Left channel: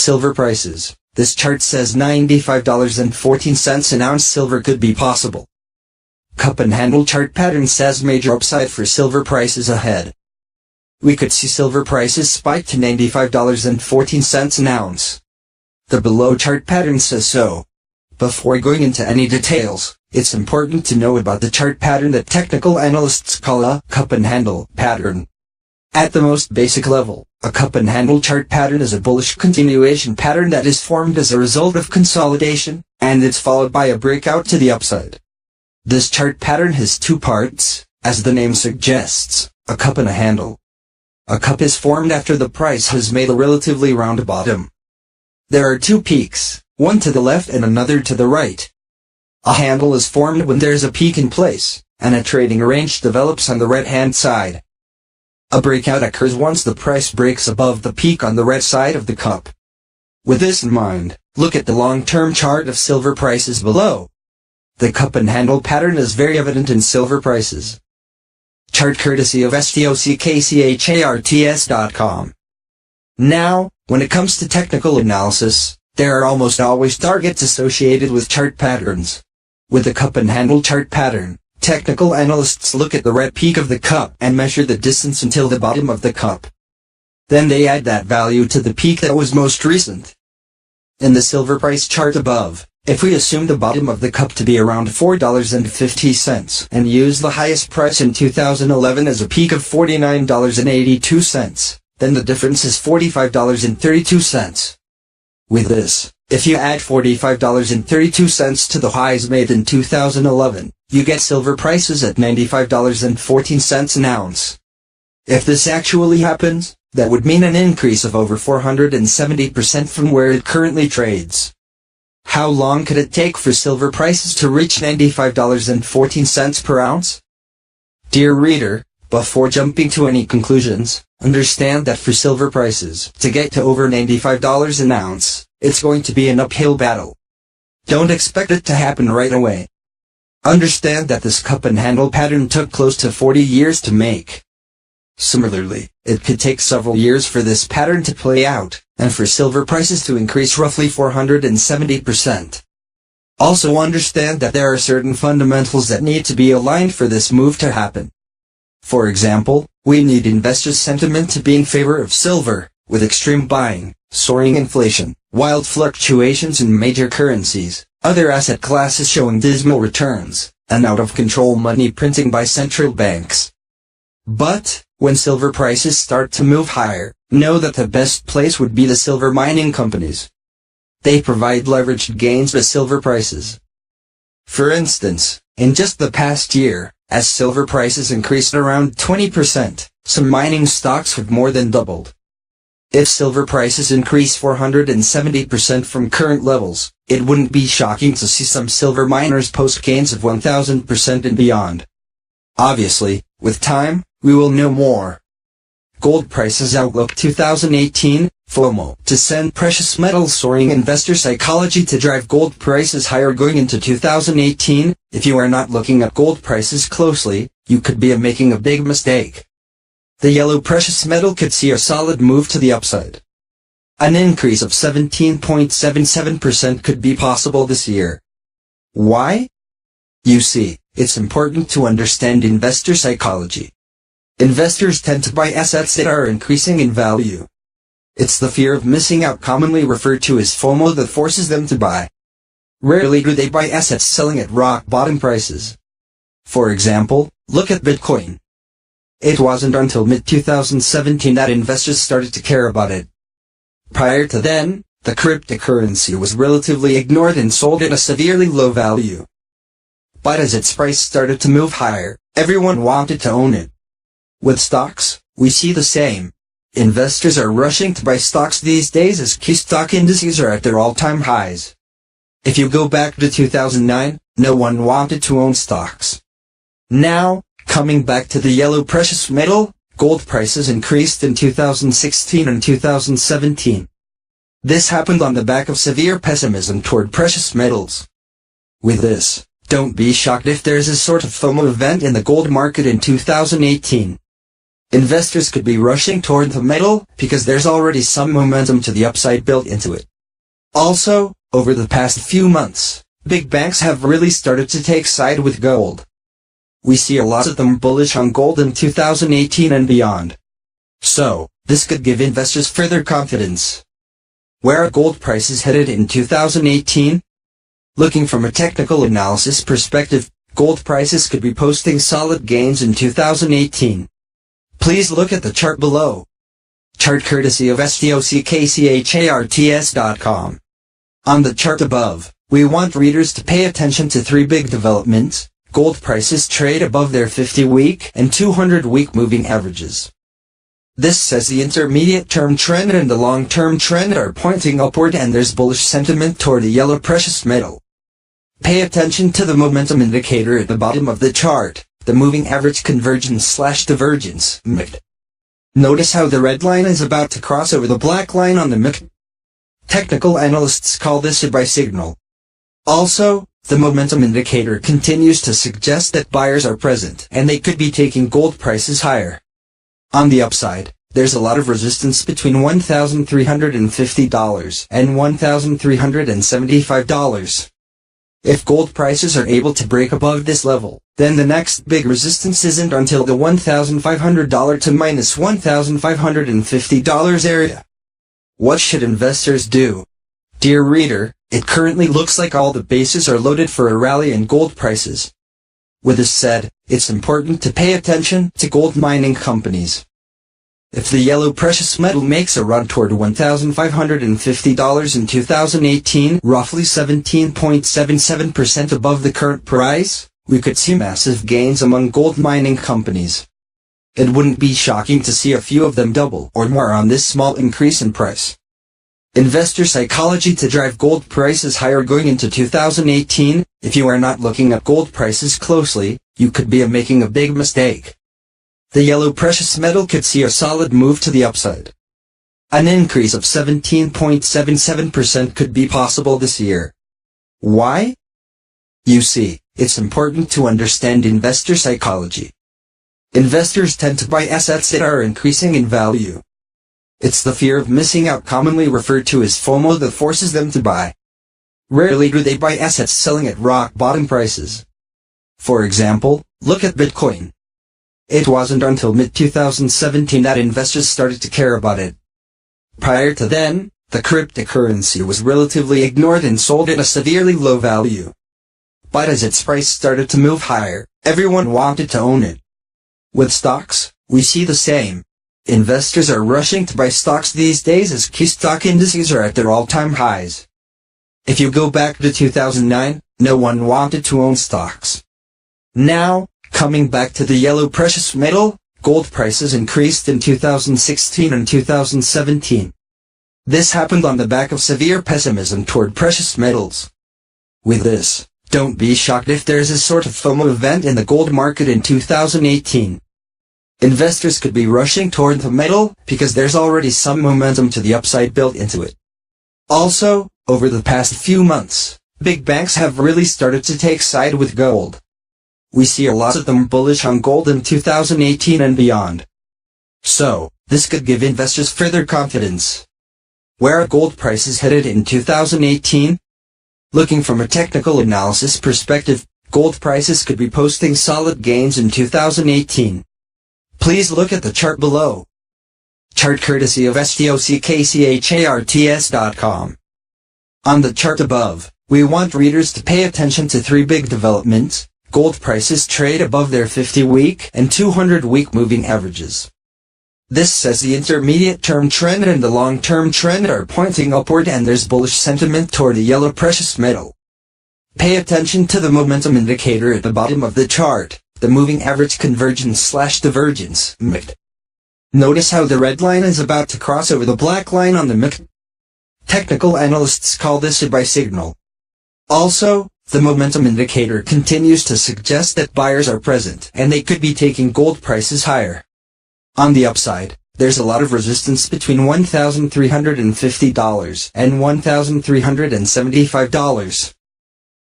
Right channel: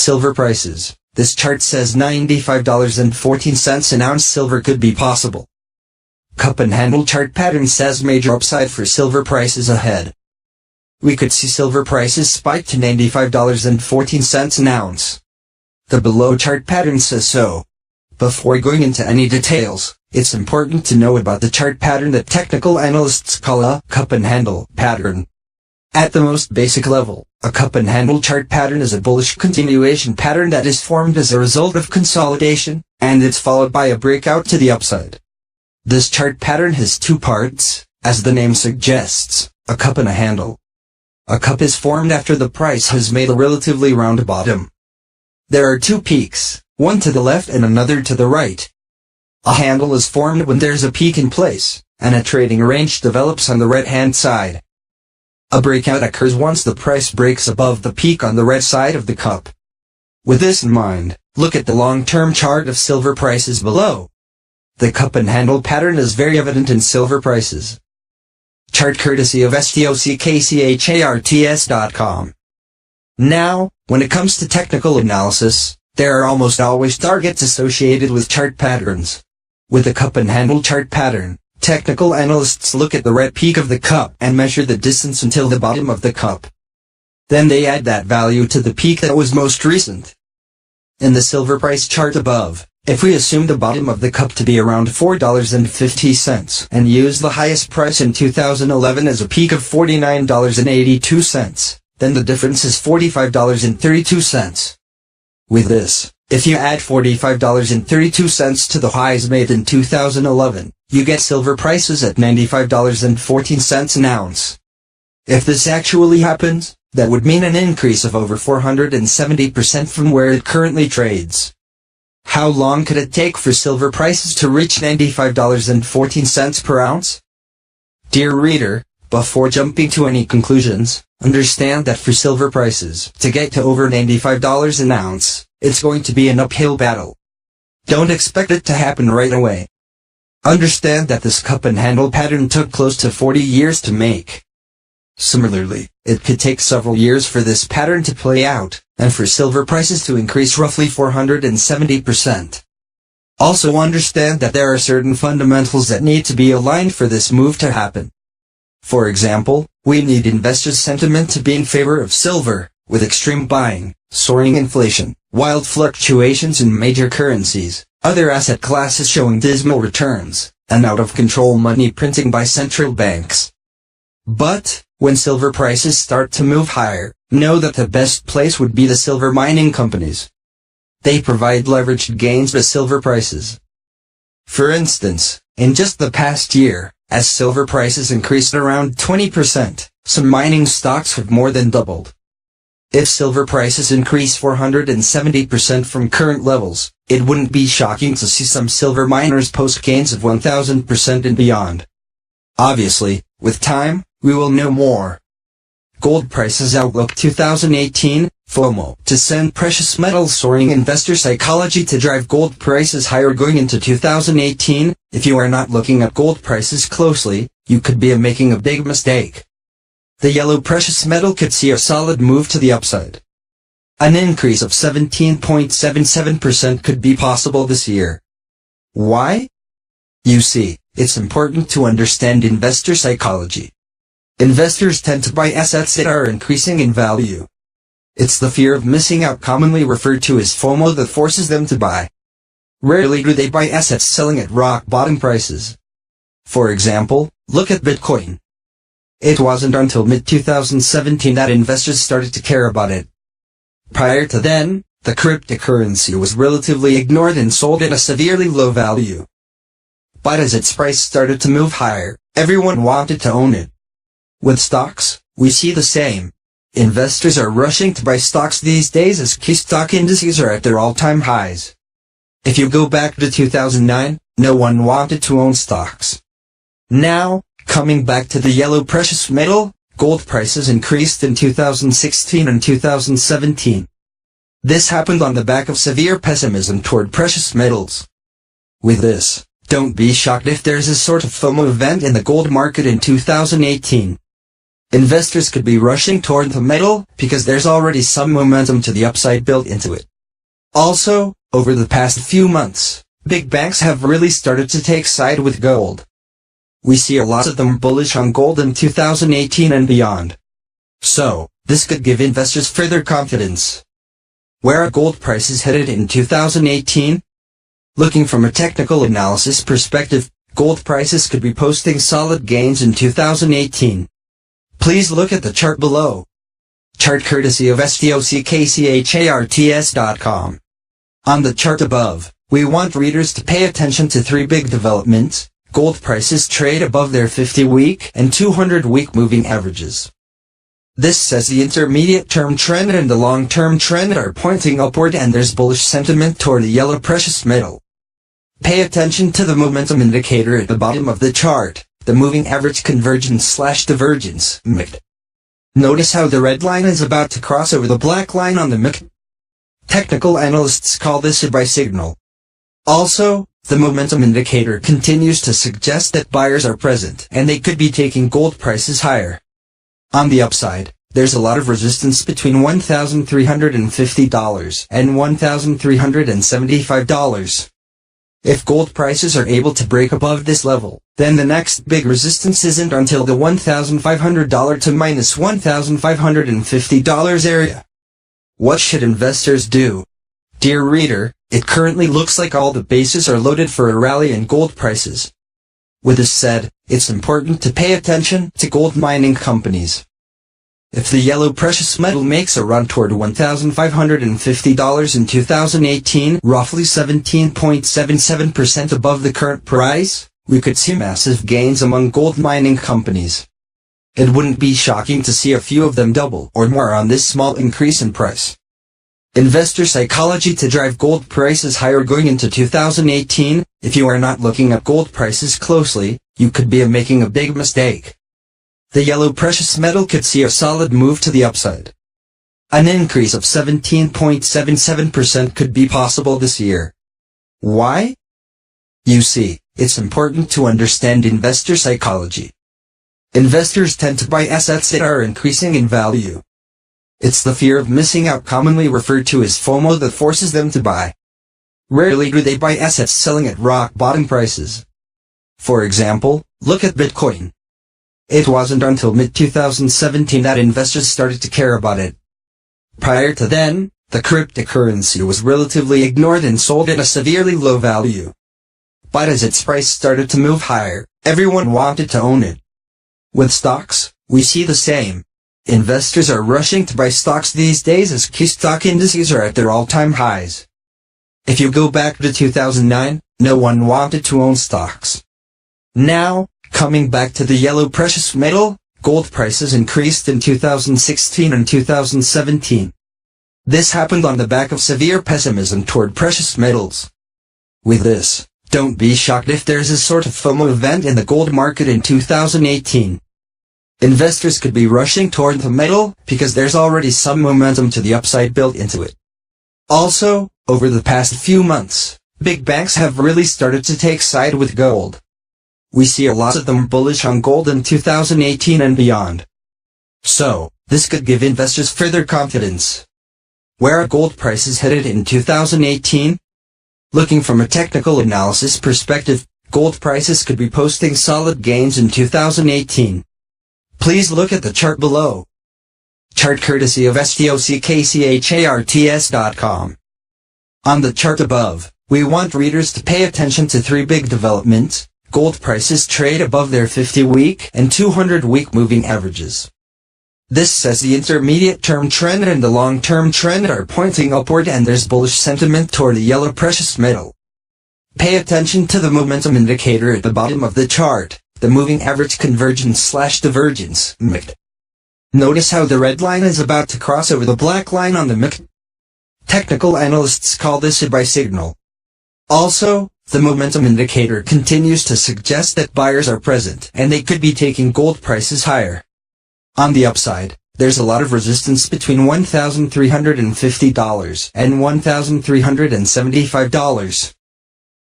Silver prices. This chart says $95.14 an ounce silver could be possible. Cup and handle chart pattern says major upside for silver prices ahead. We could see silver prices spike to $95.14 an ounce. The below chart pattern says so. Before going into any details, it's important to know about the chart pattern that technical analysts call a cup and handle pattern. At the most basic level, a cup and handle chart pattern is a bullish continuation pattern that is formed as a result of consolidation, and it's followed by a breakout to the upside. This chart pattern has two parts, as the name suggests, a cup and a handle. A cup is formed after the price has made a relatively round bottom. There are two peaks, one to the left and another to the right. A handle is formed when there's a peak in place, and a trading range develops on the right-hand side. A breakout occurs once the price breaks above the peak on the right side of the cup. With this in mind, look at the long-term chart of silver prices below. The cup and handle pattern is very evident in silver prices. Chart courtesy of stockcharts.com. Now, when it comes to technical analysis, there are almost always targets associated with chart patterns. With the cup and handle chart pattern, technical analysts look at the right peak of the cup and measure the distance until the bottom of the cup. Then they add that value to the peak that was most recent. In the silver price chart above, if we assume the bottom of the cup to be around $4.50 and use the highest price in 2011 as a peak of $49.82, then the difference is $45.32. With this, if you add $45.32 to the highs made in 2011, you get silver prices at $95.14 an ounce. If this actually happens, that would mean an increase of over 470% from where it currently trades. How long could it take for silver prices to reach $95.14 per ounce? Dear reader, before jumping to any conclusions, understand that for silver prices to get to over $95 an ounce, it's going to be an uphill battle. Don't expect it to happen right away. Understand that this cup and handle pattern took close to 40 years to make. Similarly, it could take several years for this pattern to play out, and for silver prices to increase roughly 470%. Also understand that there are certain fundamentals that need to be aligned for this move to happen. For example, we need investors' sentiment to be in favor of silver, with extreme buying, soaring inflation, wild fluctuations in major currencies, other asset classes showing dismal returns, and out-of-control money printing by central banks. But, when silver prices start to move higher, know that the best place would be the silver mining companies. They provide leveraged gains to silver prices. For instance, in just the past year, as silver prices increased around 20%, some mining stocks have more than doubled. If silver prices increase 470% from current levels, it wouldn't be shocking to see some silver miners post gains of 1000% and beyond. Obviously, with time, we will know more. Gold prices outlook 2018, FOMO, to send precious metals soaring. Investor psychology to drive gold prices higher going into 2018. If you are not looking at gold prices closely, you could be making a big mistake. The yellow precious metal could see a solid move to the upside. An increase of 17.77% could be possible this year. Why? You see, it's important to understand investor psychology. Investors tend to buy assets that are increasing in value. It's the fear of missing out, commonly referred to as FOMO, that forces them to buy. Rarely do they buy assets selling at rock bottom prices. For example, look at Bitcoin. It wasn't until mid-2017 that investors started to care about it. Prior to then, the cryptocurrency was relatively ignored and sold at a severely low value. But as its price started to move higher, everyone wanted to own it. With stocks, we see the same. Investors are rushing to buy stocks these days as key stock indices are at their all-time highs. If you go back to 2009, no one wanted to own stocks. Now, coming back to the yellow precious metal, gold prices increased in 2016 and 2017. This happened on the back of severe pessimism toward precious metals. With this, don't be shocked if there's a sort of FOMO event in the gold market in 2018. Investors could be rushing toward the metal because there's already some momentum to the upside built into it. Also, over the past few months, big banks have really started to take side with gold. We see a lot of them bullish on gold in 2018 and beyond. So, this could give investors further confidence. Where are gold prices headed in 2018? Looking from a technical analysis perspective, gold prices could be posting solid gains in 2018. Please look at the chart below. Chart courtesy of stockcharts.com. On the chart above, we want readers to pay attention to three big developments. Gold prices trade above their 50-week and 200-week moving averages. This says the intermediate-term trend and the long-term trend are pointing upward and there's bullish sentiment toward the yellow precious metal. Pay attention to the momentum indicator at the bottom of the chart, the moving average convergence/divergence, MACD. Notice how the red line is about to cross over the black line on the MACD. Technical analysts call this a buy signal. Also, the momentum indicator continues to suggest that buyers are present and they could be taking gold prices higher. On the upside, there's a lot of resistance between $1,350 and $1,375. If gold prices are able to break above this level, then the next big resistance isn't until the $1,500 to minus $1,550 area. What should investors do? Dear reader, it currently looks like all the bases are loaded for a rally in gold prices. With this said, it's important to pay attention to gold mining companies. If the yellow precious metal makes a run toward $1,550 in 2018, roughly 17.77% above the current price, we could see massive gains among gold mining companies. It wouldn't be shocking to see a few of them double or more on this small increase in price. Investor psychology to drive gold prices higher going into 2018. If you are not looking at gold prices closely, you could be making a big mistake. The yellow precious metal could see a solid move to the upside. An increase of 17.77% could be possible this year. Why? You see, it's important to understand investor psychology. Investors tend to buy assets that are increasing in value. It's the fear of missing out, commonly referred to as FOMO, that forces them to buy. Rarely do they buy assets selling at rock bottom prices. For example, look at Bitcoin. It wasn't until mid-2017 that investors started to care about it. Prior to then, the cryptocurrency was relatively ignored and sold at a severely low value. But as its price started to move higher, everyone wanted to own it. With stocks, we see the same. Investors are rushing to buy stocks these days as key stock indices are at their all-time highs. If you go back to 2009, no one wanted to own stocks. Now, coming back to the yellow precious metal, gold prices increased in 2016 and 2017. This happened on the back of severe pessimism toward precious metals. With this, don't be shocked if there's a sort of FOMO event in the gold market in 2018. Investors could be rushing toward the metal because there's already some momentum to the upside built into it. Also, over the past few months, big banks have really started to take side with gold. We see a lot of them bullish on gold in 2018 and beyond. So, this could give investors further confidence. Where are gold prices headed in 2018? Looking from a technical analysis perspective, gold prices could be posting solid gains in 2018. Please look at the chart below. Chart courtesy of stockcharts.com. On the chart above, we want readers to pay attention to three big developments. Gold prices trade above their 50-week and 200-week moving averages. This says the intermediate-term trend and the long-term trend are pointing upward and there's bullish sentiment toward the yellow precious metal. Pay attention to the momentum indicator at the bottom of the chart, the moving average convergence/divergence, MACD. Notice how the red line is about to cross over the black line on the MACD. Technical analysts call this a buy signal. Also, the momentum indicator continues to suggest that buyers are present and they could be taking gold prices higher. On the upside, there's a lot of resistance between $1,350 and $1,375.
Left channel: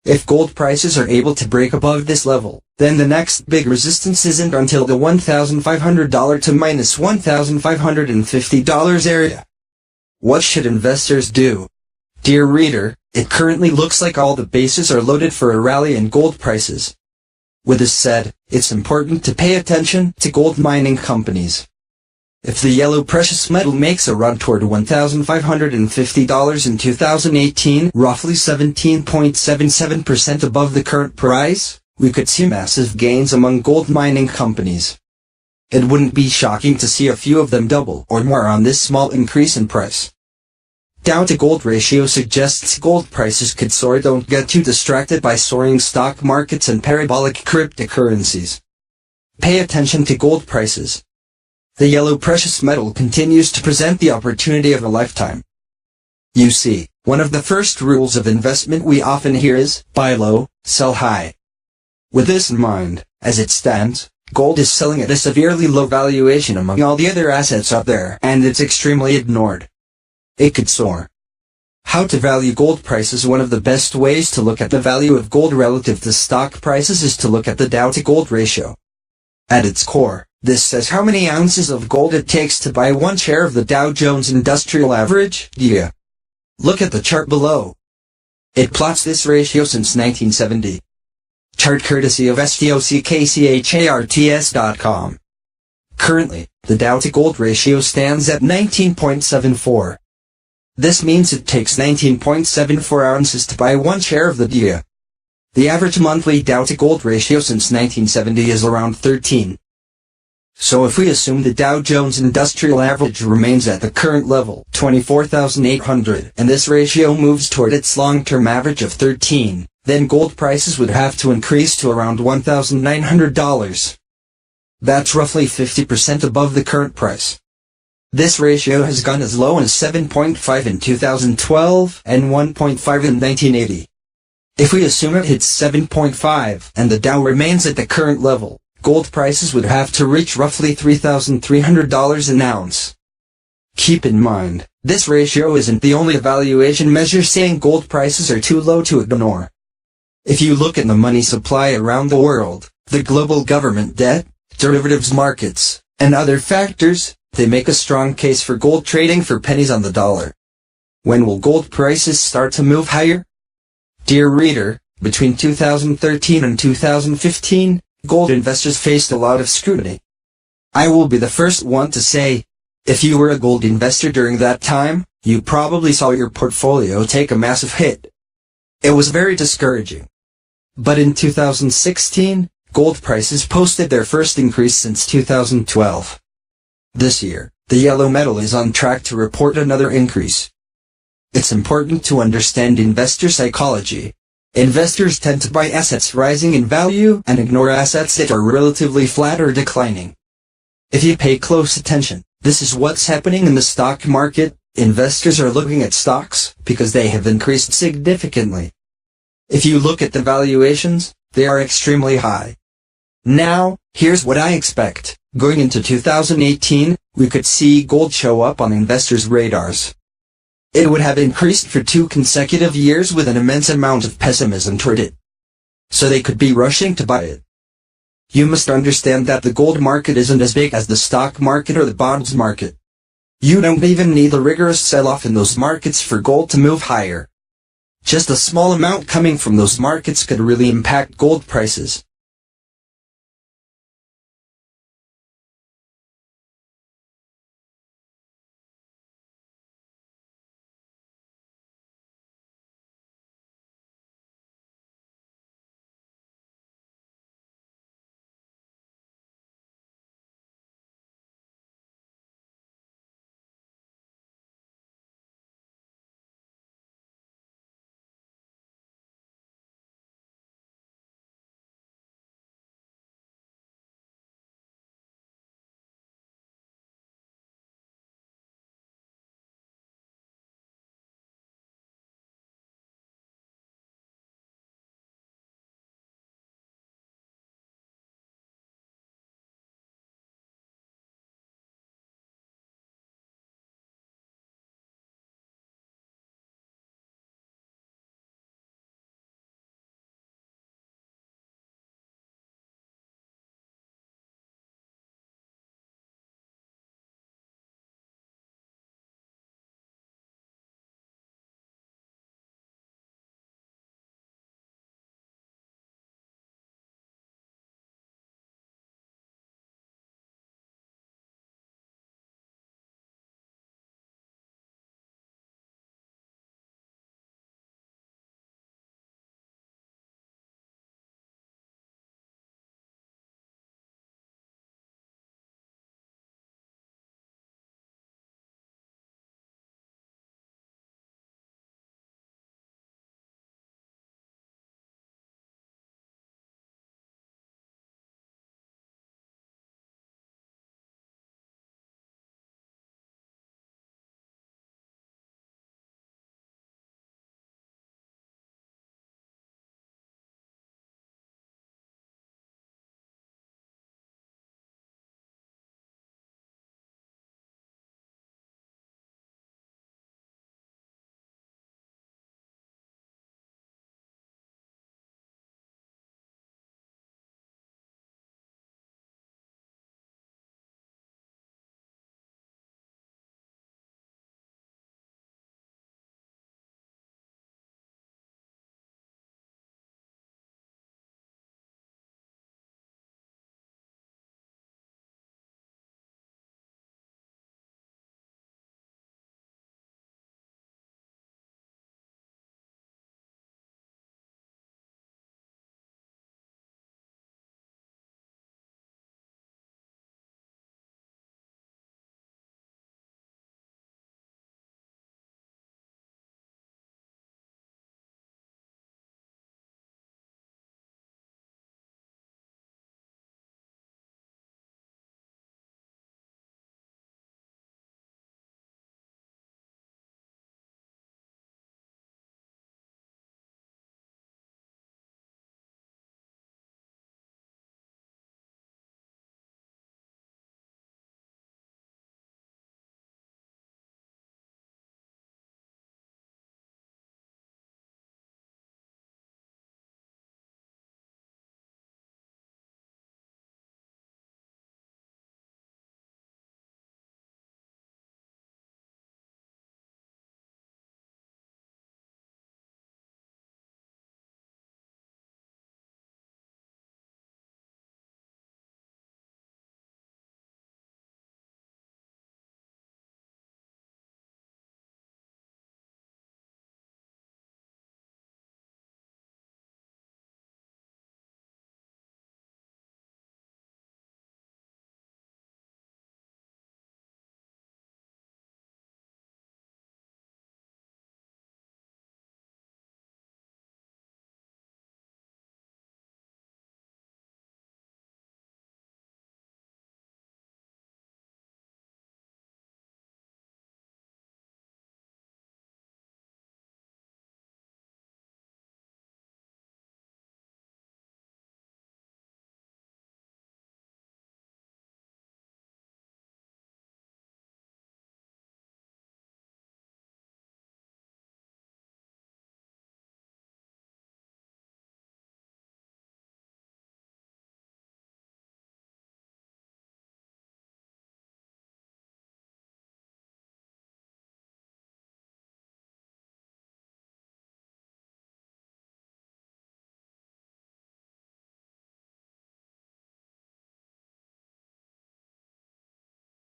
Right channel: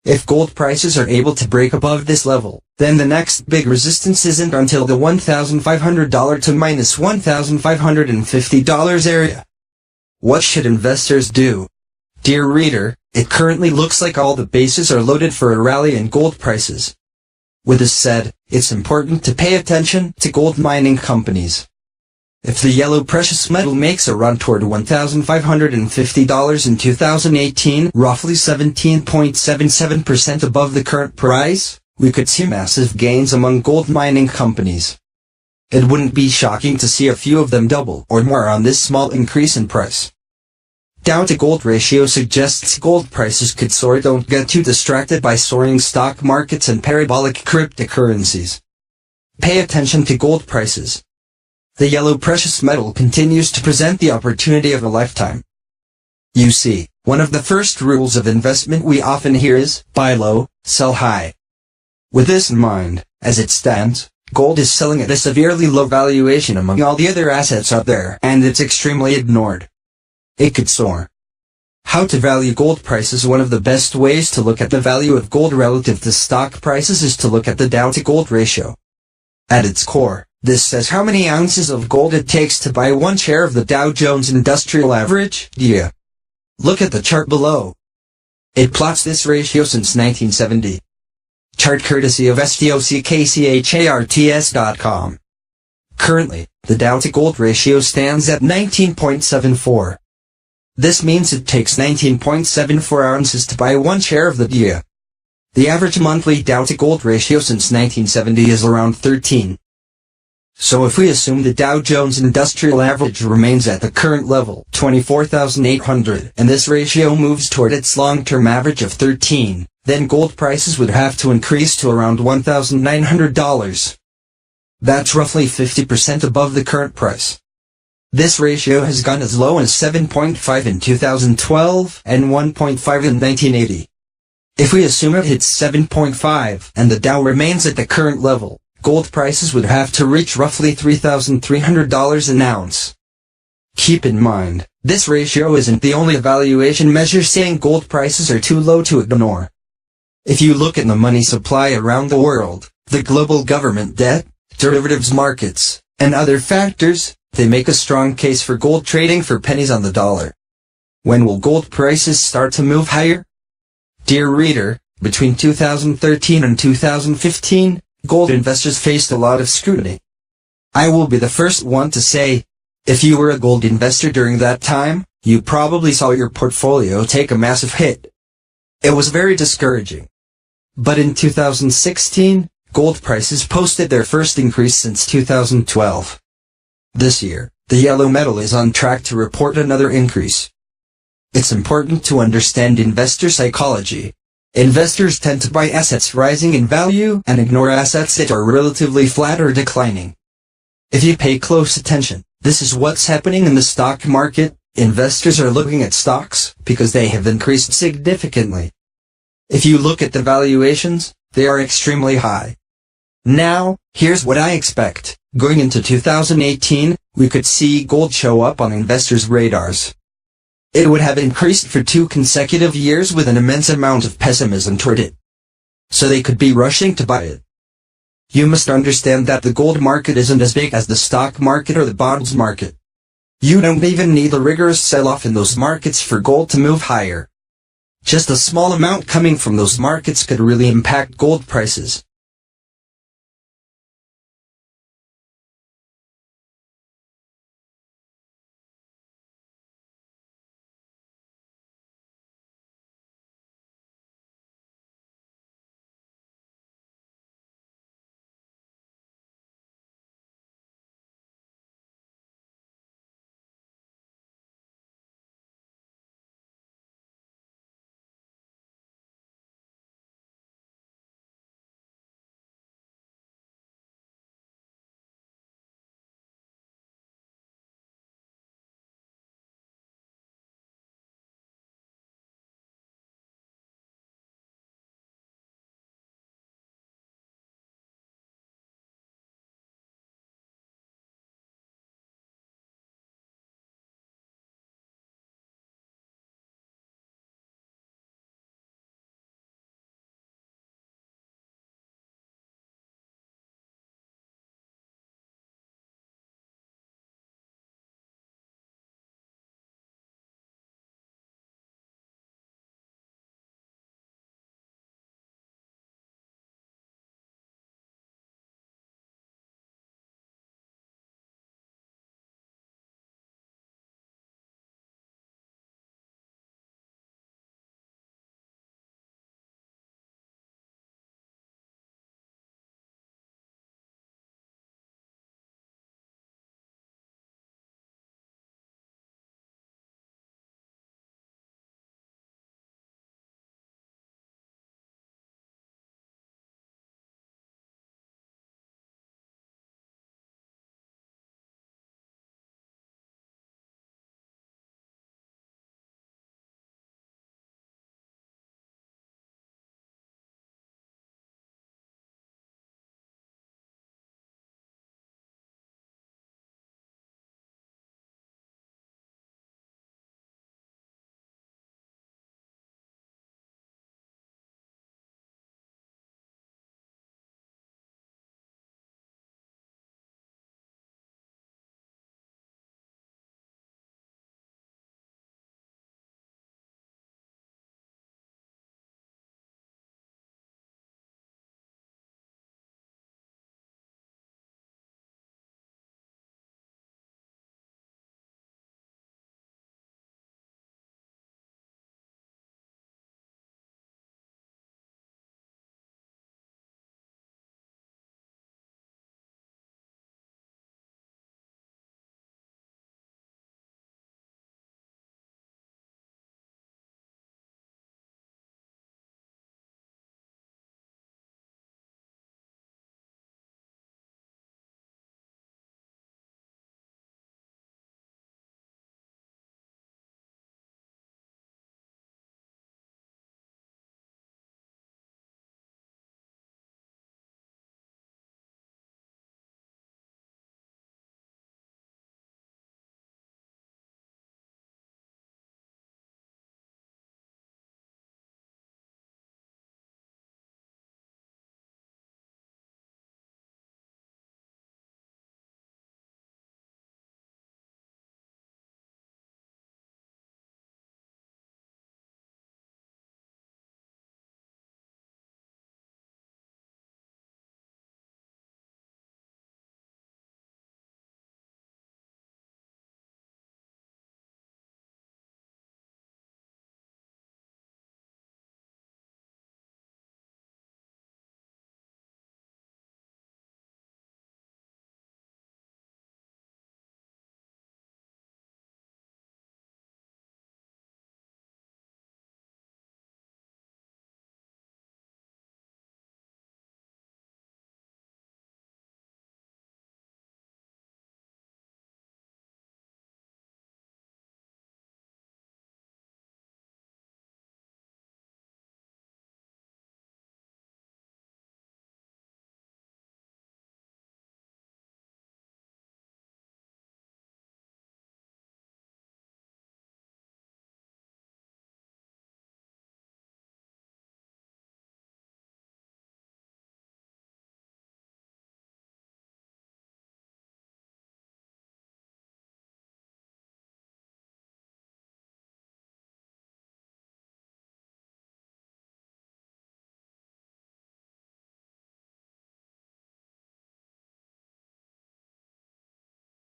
If gold prices are able to break above this level, then the next big resistance isn't until the $1,500 to minus $1,550 area. What should investors do? Dear reader, it currently looks like all the bases are loaded for a rally in gold prices. With this said, it's important to pay attention to gold mining companies. If the yellow precious metal makes a run toward $1,550 in 2018, roughly 17.77% above the current price, we could see massive gains among gold mining companies. It wouldn't be shocking to see a few of them double or more on this small increase in price. Dow to gold ratio suggests gold prices could soar. Don't get too distracted by soaring stock markets and parabolic cryptocurrencies. Pay attention to gold prices. The yellow precious metal continues to present the opportunity of a lifetime. You see, one of the first rules of investment we often hear is, buy low, sell high. With this in mind, as it stands, gold is selling at a severely low valuation among all the other assets out there, and it's extremely ignored. It could soar. How to value gold prices? One of the best ways to look at the value of gold relative to stock prices is to look at the Dow to gold ratio. At its core, this says how many ounces of gold it takes to buy one share of the Dow Jones Industrial Average, DJI. Look at the chart below. It plots this ratio since 1970. Chart courtesy of stockcharts.com. Currently, the Dow to gold ratio stands at 19.74. This means it takes 19.74 ounces to buy one share of the DJI. The average monthly Dow to gold ratio since 1970 is around 13. So if we assume the Dow Jones Industrial Average remains at the current level, 24,800, and this ratio moves toward its long-term average of 13, then gold prices would have to increase to around $1,900. That's roughly 50% above the current price. This ratio has gone as low as 7.5 in 2012 and 1.5 in 1980. If we assume it hits 7.5 and the Dow remains at the current level, gold prices would have to reach roughly $3,300 an ounce. Keep in mind, this ratio isn't the only evaluation measure saying gold prices are too low to ignore. If you look at the money supply around the world, the global government debt, derivatives markets, and other factors, they make a strong case for gold trading for pennies on the dollar. When will gold prices start to move higher? Dear reader, between 2013 and 2015, gold investors faced a lot of scrutiny. I will be the first one to say, if you were a gold investor during that time, you probably saw your portfolio take a massive hit. It was very discouraging. But in 2016, gold prices posted their first increase since 2012. This year, the yellow metal is on track to report another increase. It's important to understand investor psychology. Investors tend to buy assets rising in value and ignore assets that are relatively flat or declining. If you pay close attention, this is what's happening in the stock market. Investors are looking at stocks because they have increased significantly. If you look at the valuations, they are extremely high. Now, here's what I expect. Going into 2018, we could see gold show up on investors' radars. It would have increased for 2 consecutive years with an immense amount of pessimism toward it. So they could be rushing to buy it. You must understand that the gold market isn't as big as the stock market or the bonds market. You don't even need a rigorous sell-off in those markets for gold to move higher. Just a small amount coming from those markets could really impact gold prices.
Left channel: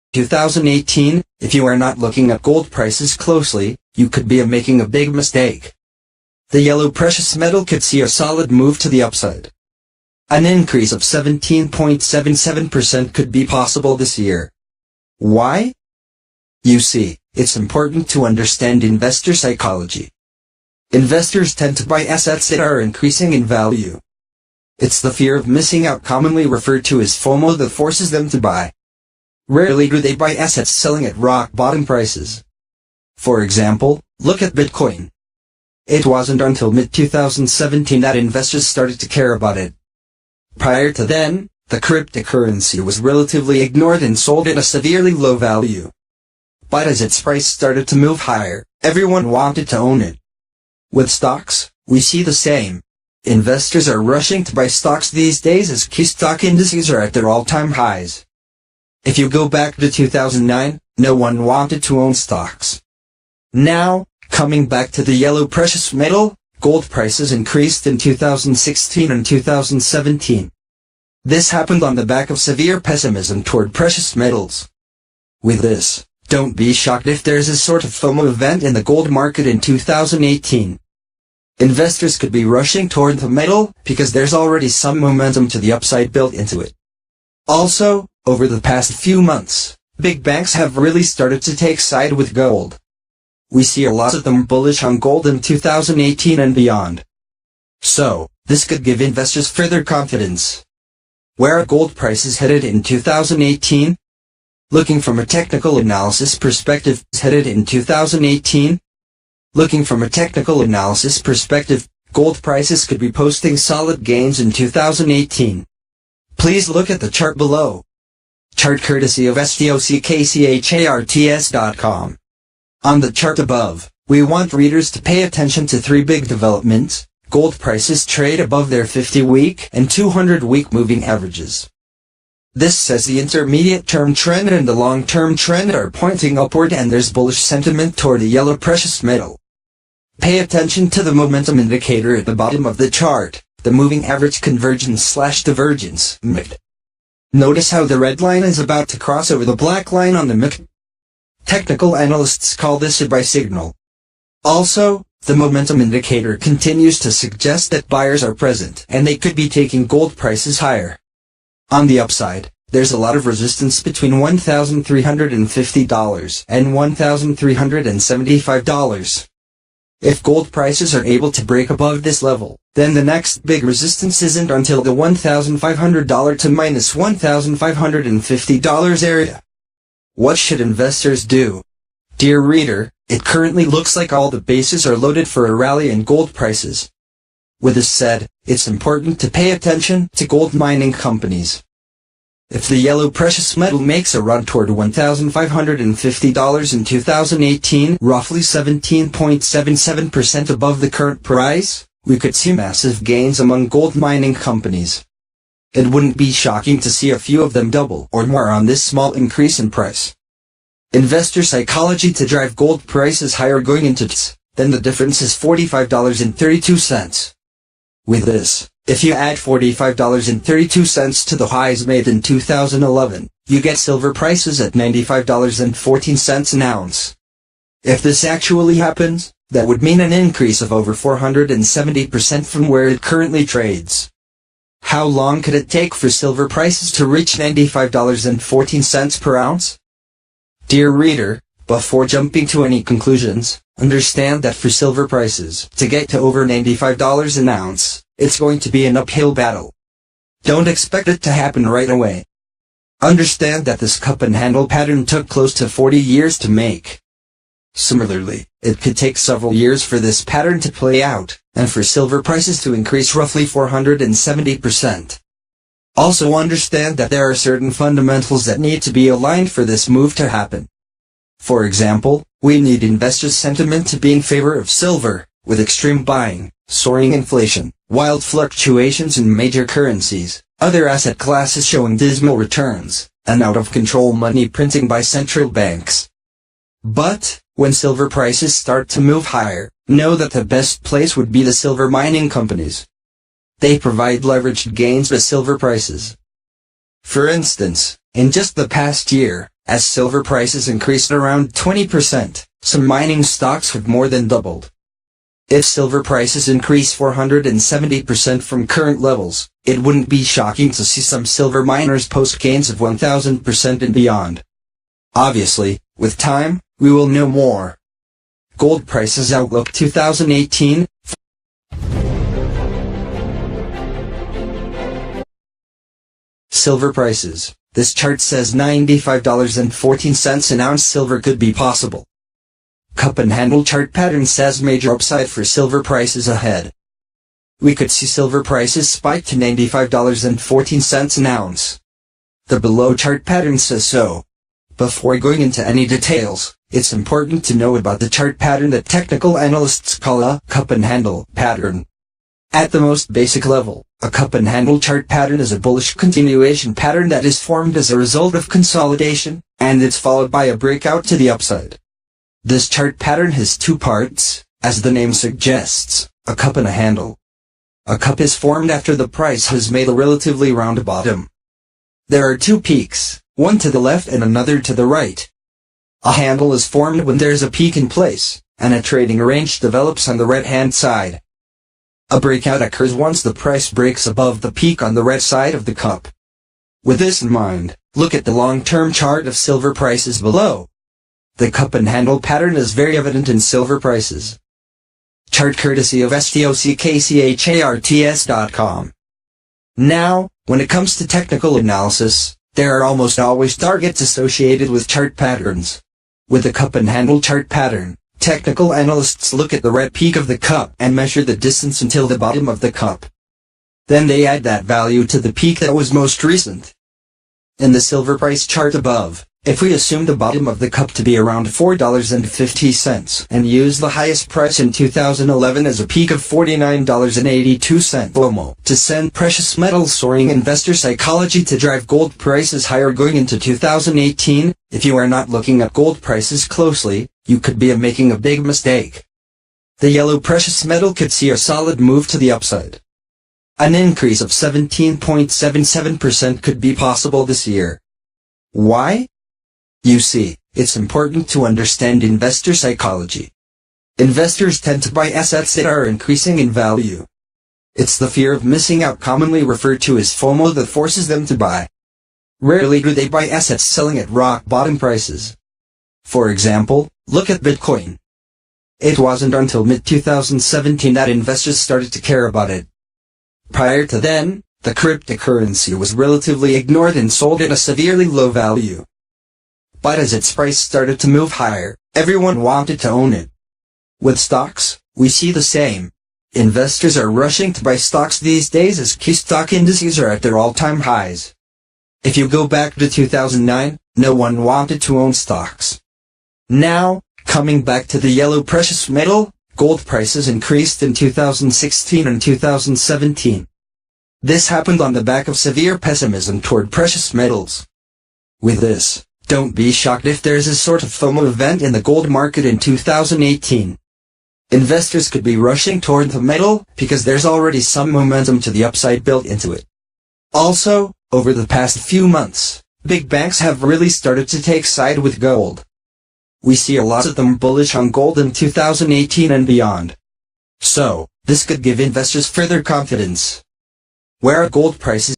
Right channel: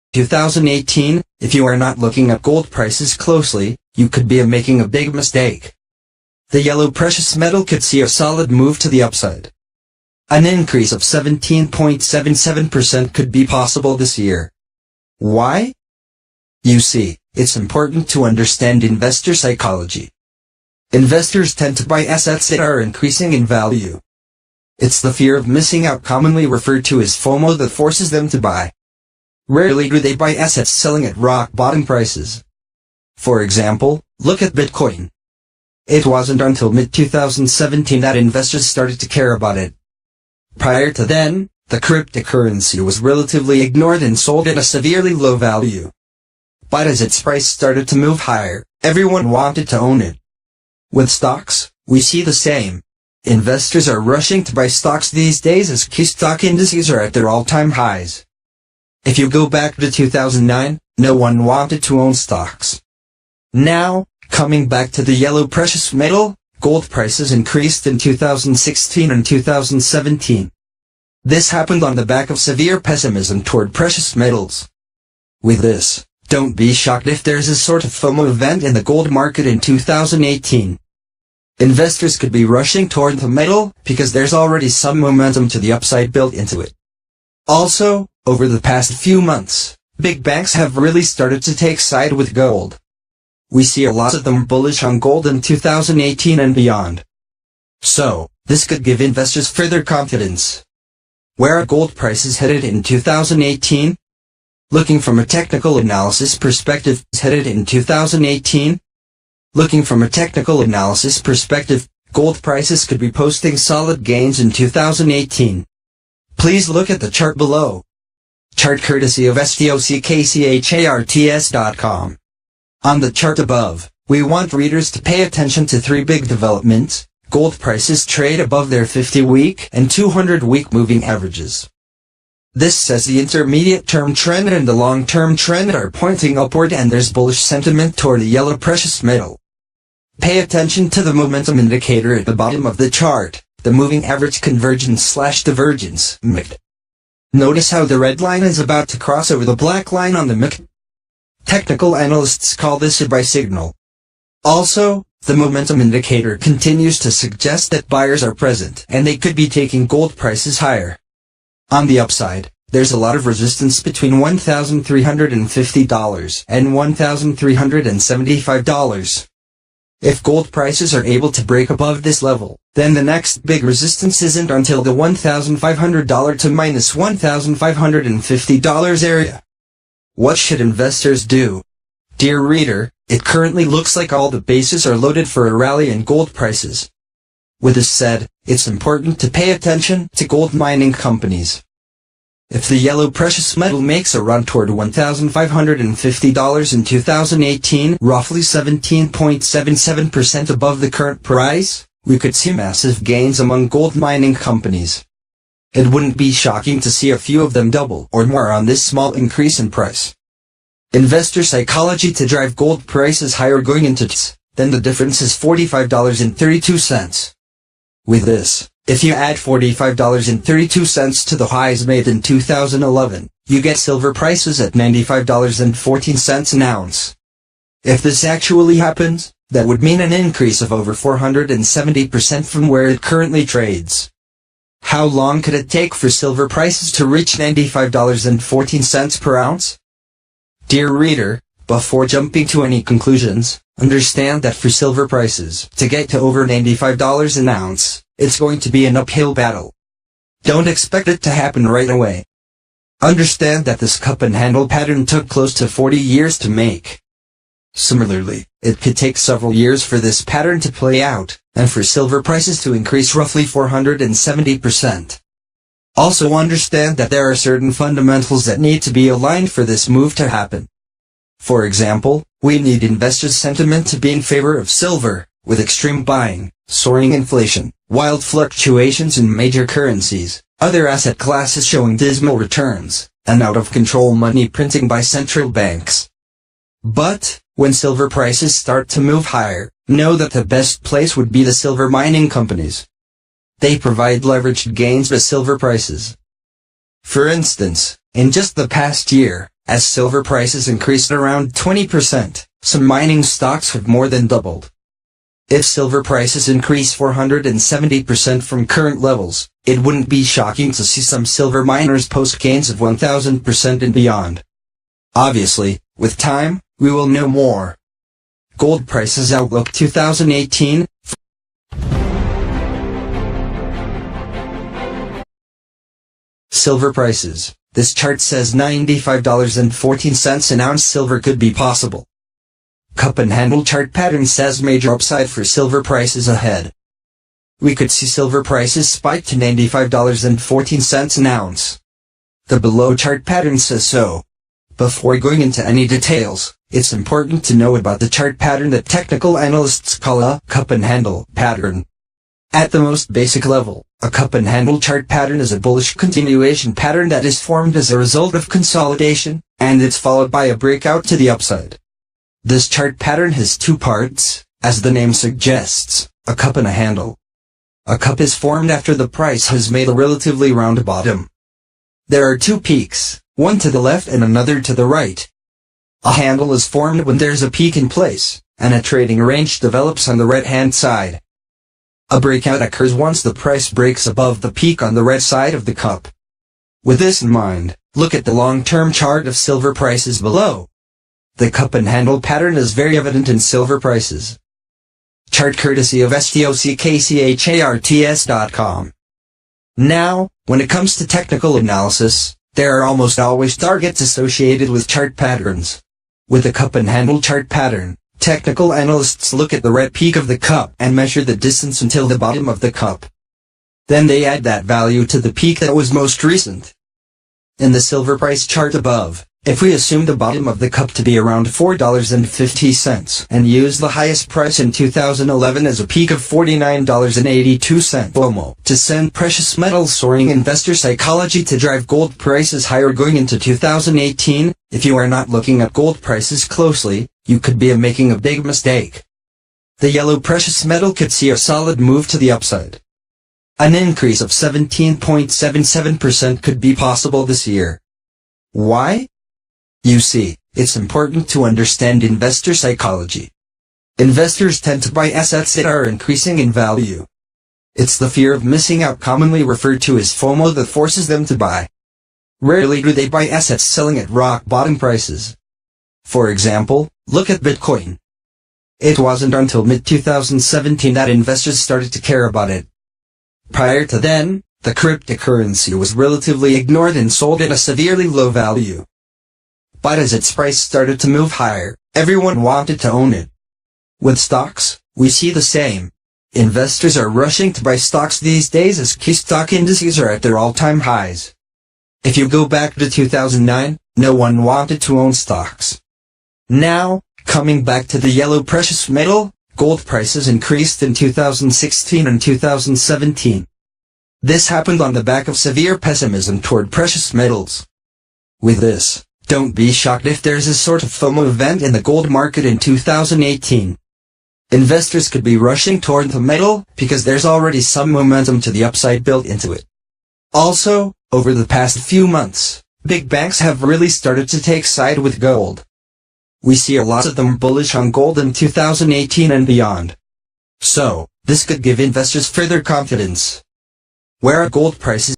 2018, if you are not looking at gold prices closely, you could be making a big mistake. The yellow precious metal could see a solid move to the upside. An increase of 17.77% could be possible this year. Why? You see, it's important to understand investor psychology. Investors tend to buy assets that are increasing in value. It's the fear of missing out, commonly referred to as FOMO, that forces them to buy. Rarely do they buy assets selling at rock bottom prices. For example, look at Bitcoin. It wasn't until mid-2017 that investors started to care about it. Prior to then, the cryptocurrency was relatively ignored and sold at a severely low value. But as its price started to move higher, everyone wanted to own it. With stocks, we see the same. Investors are rushing to buy stocks these days as key stock indices are at their all-time highs. If you go back to 2009, no one wanted to own stocks. Now, coming back to the yellow precious metal, gold prices increased in 2016 and 2017. This happened on the back of severe pessimism toward precious metals. With this, don't be shocked if there's a sort of FOMO event in the gold market in 2018. Investors could be rushing toward the metal because there's already some momentum to the upside built into it. Also, over the past few months, big banks have really started to take side with gold. We see a lot of them bullish on gold in 2018 and beyond. So, this could give investors further confidence. Where are gold prices headed in 2018? Looking from a technical analysis perspective, headed in 2018? Looking from a technical analysis perspective, gold prices could be posting solid gains in 2018. Please look at the chart below. Chart courtesy of stockcharts.com. On the chart above, we want readers to pay attention to three big developments. Gold prices trade above their 50-week and 200-week moving averages. This says the intermediate-term trend and the long-term trend are pointing upward and there's bullish sentiment toward the yellow precious metal. Pay attention to the momentum indicator at the bottom of the chart, the moving average convergence/divergence, MACD. Notice how the red line is about to cross over the black line on the MACD. Technical analysts call this a buy signal. Also, the momentum indicator continues to suggest that buyers are present and they could be taking gold prices higher. On the upside, there's a lot of resistance between $1,350 and $1,375. If gold prices are able to break above this level, then the next big resistance isn't until the $1,500 to minus $1,550 area. What should investors do? Dear reader, it currently looks like all the bases are loaded for a rally in gold prices. With this said, it's important to pay attention to gold mining companies. If the yellow precious metal makes a run toward $1,550 in 2018, roughly 17.77% above the current price, we could see massive gains among gold mining companies. It wouldn't be shocking to see a few of them double or more on this small increase in price. Investor psychology to drive gold prices higher going into then the difference is $45.32. With this, if you add $45.32 to the highs made in 2011, you get silver prices at $95.14 an ounce. If this actually happens, that would mean an increase of over 470% from where it currently trades. How long could it take for silver prices to reach $95.14 per ounce? Dear reader, before jumping to any conclusions, understand that for silver prices to get to over $95 an ounce, it's going to be an uphill battle. Don't expect it to happen right away. Understand that this cup and handle pattern took close to 40 years to make. Similarly, it could take several years for this pattern to play out, and for silver prices to increase roughly 470%. Also understand that there are certain fundamentals that need to be aligned for this move to happen. For example, we need investors' sentiment to be in favor of silver, with extreme buying, soaring inflation, wild fluctuations in major currencies, other asset classes showing dismal returns, and out-of-control money printing by central banks. But, when silver prices start to move higher, know that the best place would be the silver mining companies. They provide leveraged gains with silver prices. For instance, in just the past year, as silver prices increased around 20%, some mining stocks have more than doubled. If silver prices increase 470% from current levels, it wouldn't be shocking to see some silver miners post gains of 1000% and beyond. Obviously, with time, we will know more. Gold prices outlook 2018. Silver prices. This chart says $95.14 an ounce silver could be possible. Cup and handle chart pattern says major upside for silver prices ahead. We could see silver prices spike to $95.14 an ounce. The below chart pattern says so. Before going into any details, it's important to know about the chart pattern that technical analysts call a cup and handle pattern. At the most basic level, a cup and handle chart pattern is a bullish continuation pattern that is formed as a result of consolidation, and it's followed by a breakout to the upside. This chart pattern has two parts, as the name suggests, a cup and a handle. A cup is formed after the price has made a relatively round bottom. There are two peaks, one to the left and another to the right. A handle is formed when there's a peak in place, and a trading range develops on the right-hand side. A breakout occurs once the price breaks above the peak on the right side of the cup. With this in mind, look at the long-term chart of silver prices below. The cup and handle pattern is very evident in silver prices. Chart courtesy of stockcharts.com. Now, when it comes to technical analysis, there are almost always targets associated with chart patterns. With the cup and handle chart pattern, technical analysts look at the red peak of the cup and measure the distance until the bottom of the cup. Then they add that value to the peak that was most recent. In the silver price chart above, if we assume the bottom of the cup to be around $4.50 and use the highest price in 2011 as a peak of $49.82 FOMO to send precious metals soaring investor psychology to drive gold prices higher going into 2018, if you are not looking at gold prices closely, you could be making a big mistake. The yellow precious metal could see a solid move to the upside. An increase of 17.77% could be possible this year. Why? You see, it's important to understand investor psychology. Investors tend to buy assets that are increasing in value. It's the fear of missing out, commonly referred to as FOMO, that forces them to buy. Rarely do they buy assets selling at rock bottom prices. For example, look at Bitcoin. It wasn't until mid-2017 that investors started to care about it. Prior to then, the cryptocurrency was relatively ignored and sold at a severely low value. But as its price started to move higher, everyone wanted to own it. With stocks, we see the same. Investors are rushing to buy stocks these days as key stock indices are at their all-time highs. If you go back to 2009, no one wanted to own stocks. Now, coming back to the yellow precious metal, gold prices increased in 2016 and 2017. This happened on the back of severe pessimism toward precious metals. With this, don't be shocked if there's a sort of FOMO event in the gold market in 2018. Investors could be rushing toward the metal because there's already some momentum to the upside built into it. Also, over the past few months, big banks have really started to take side with gold. We see a lot of them bullish on gold in 2018 and beyond. So, this could give investors further confidence. Where are gold prices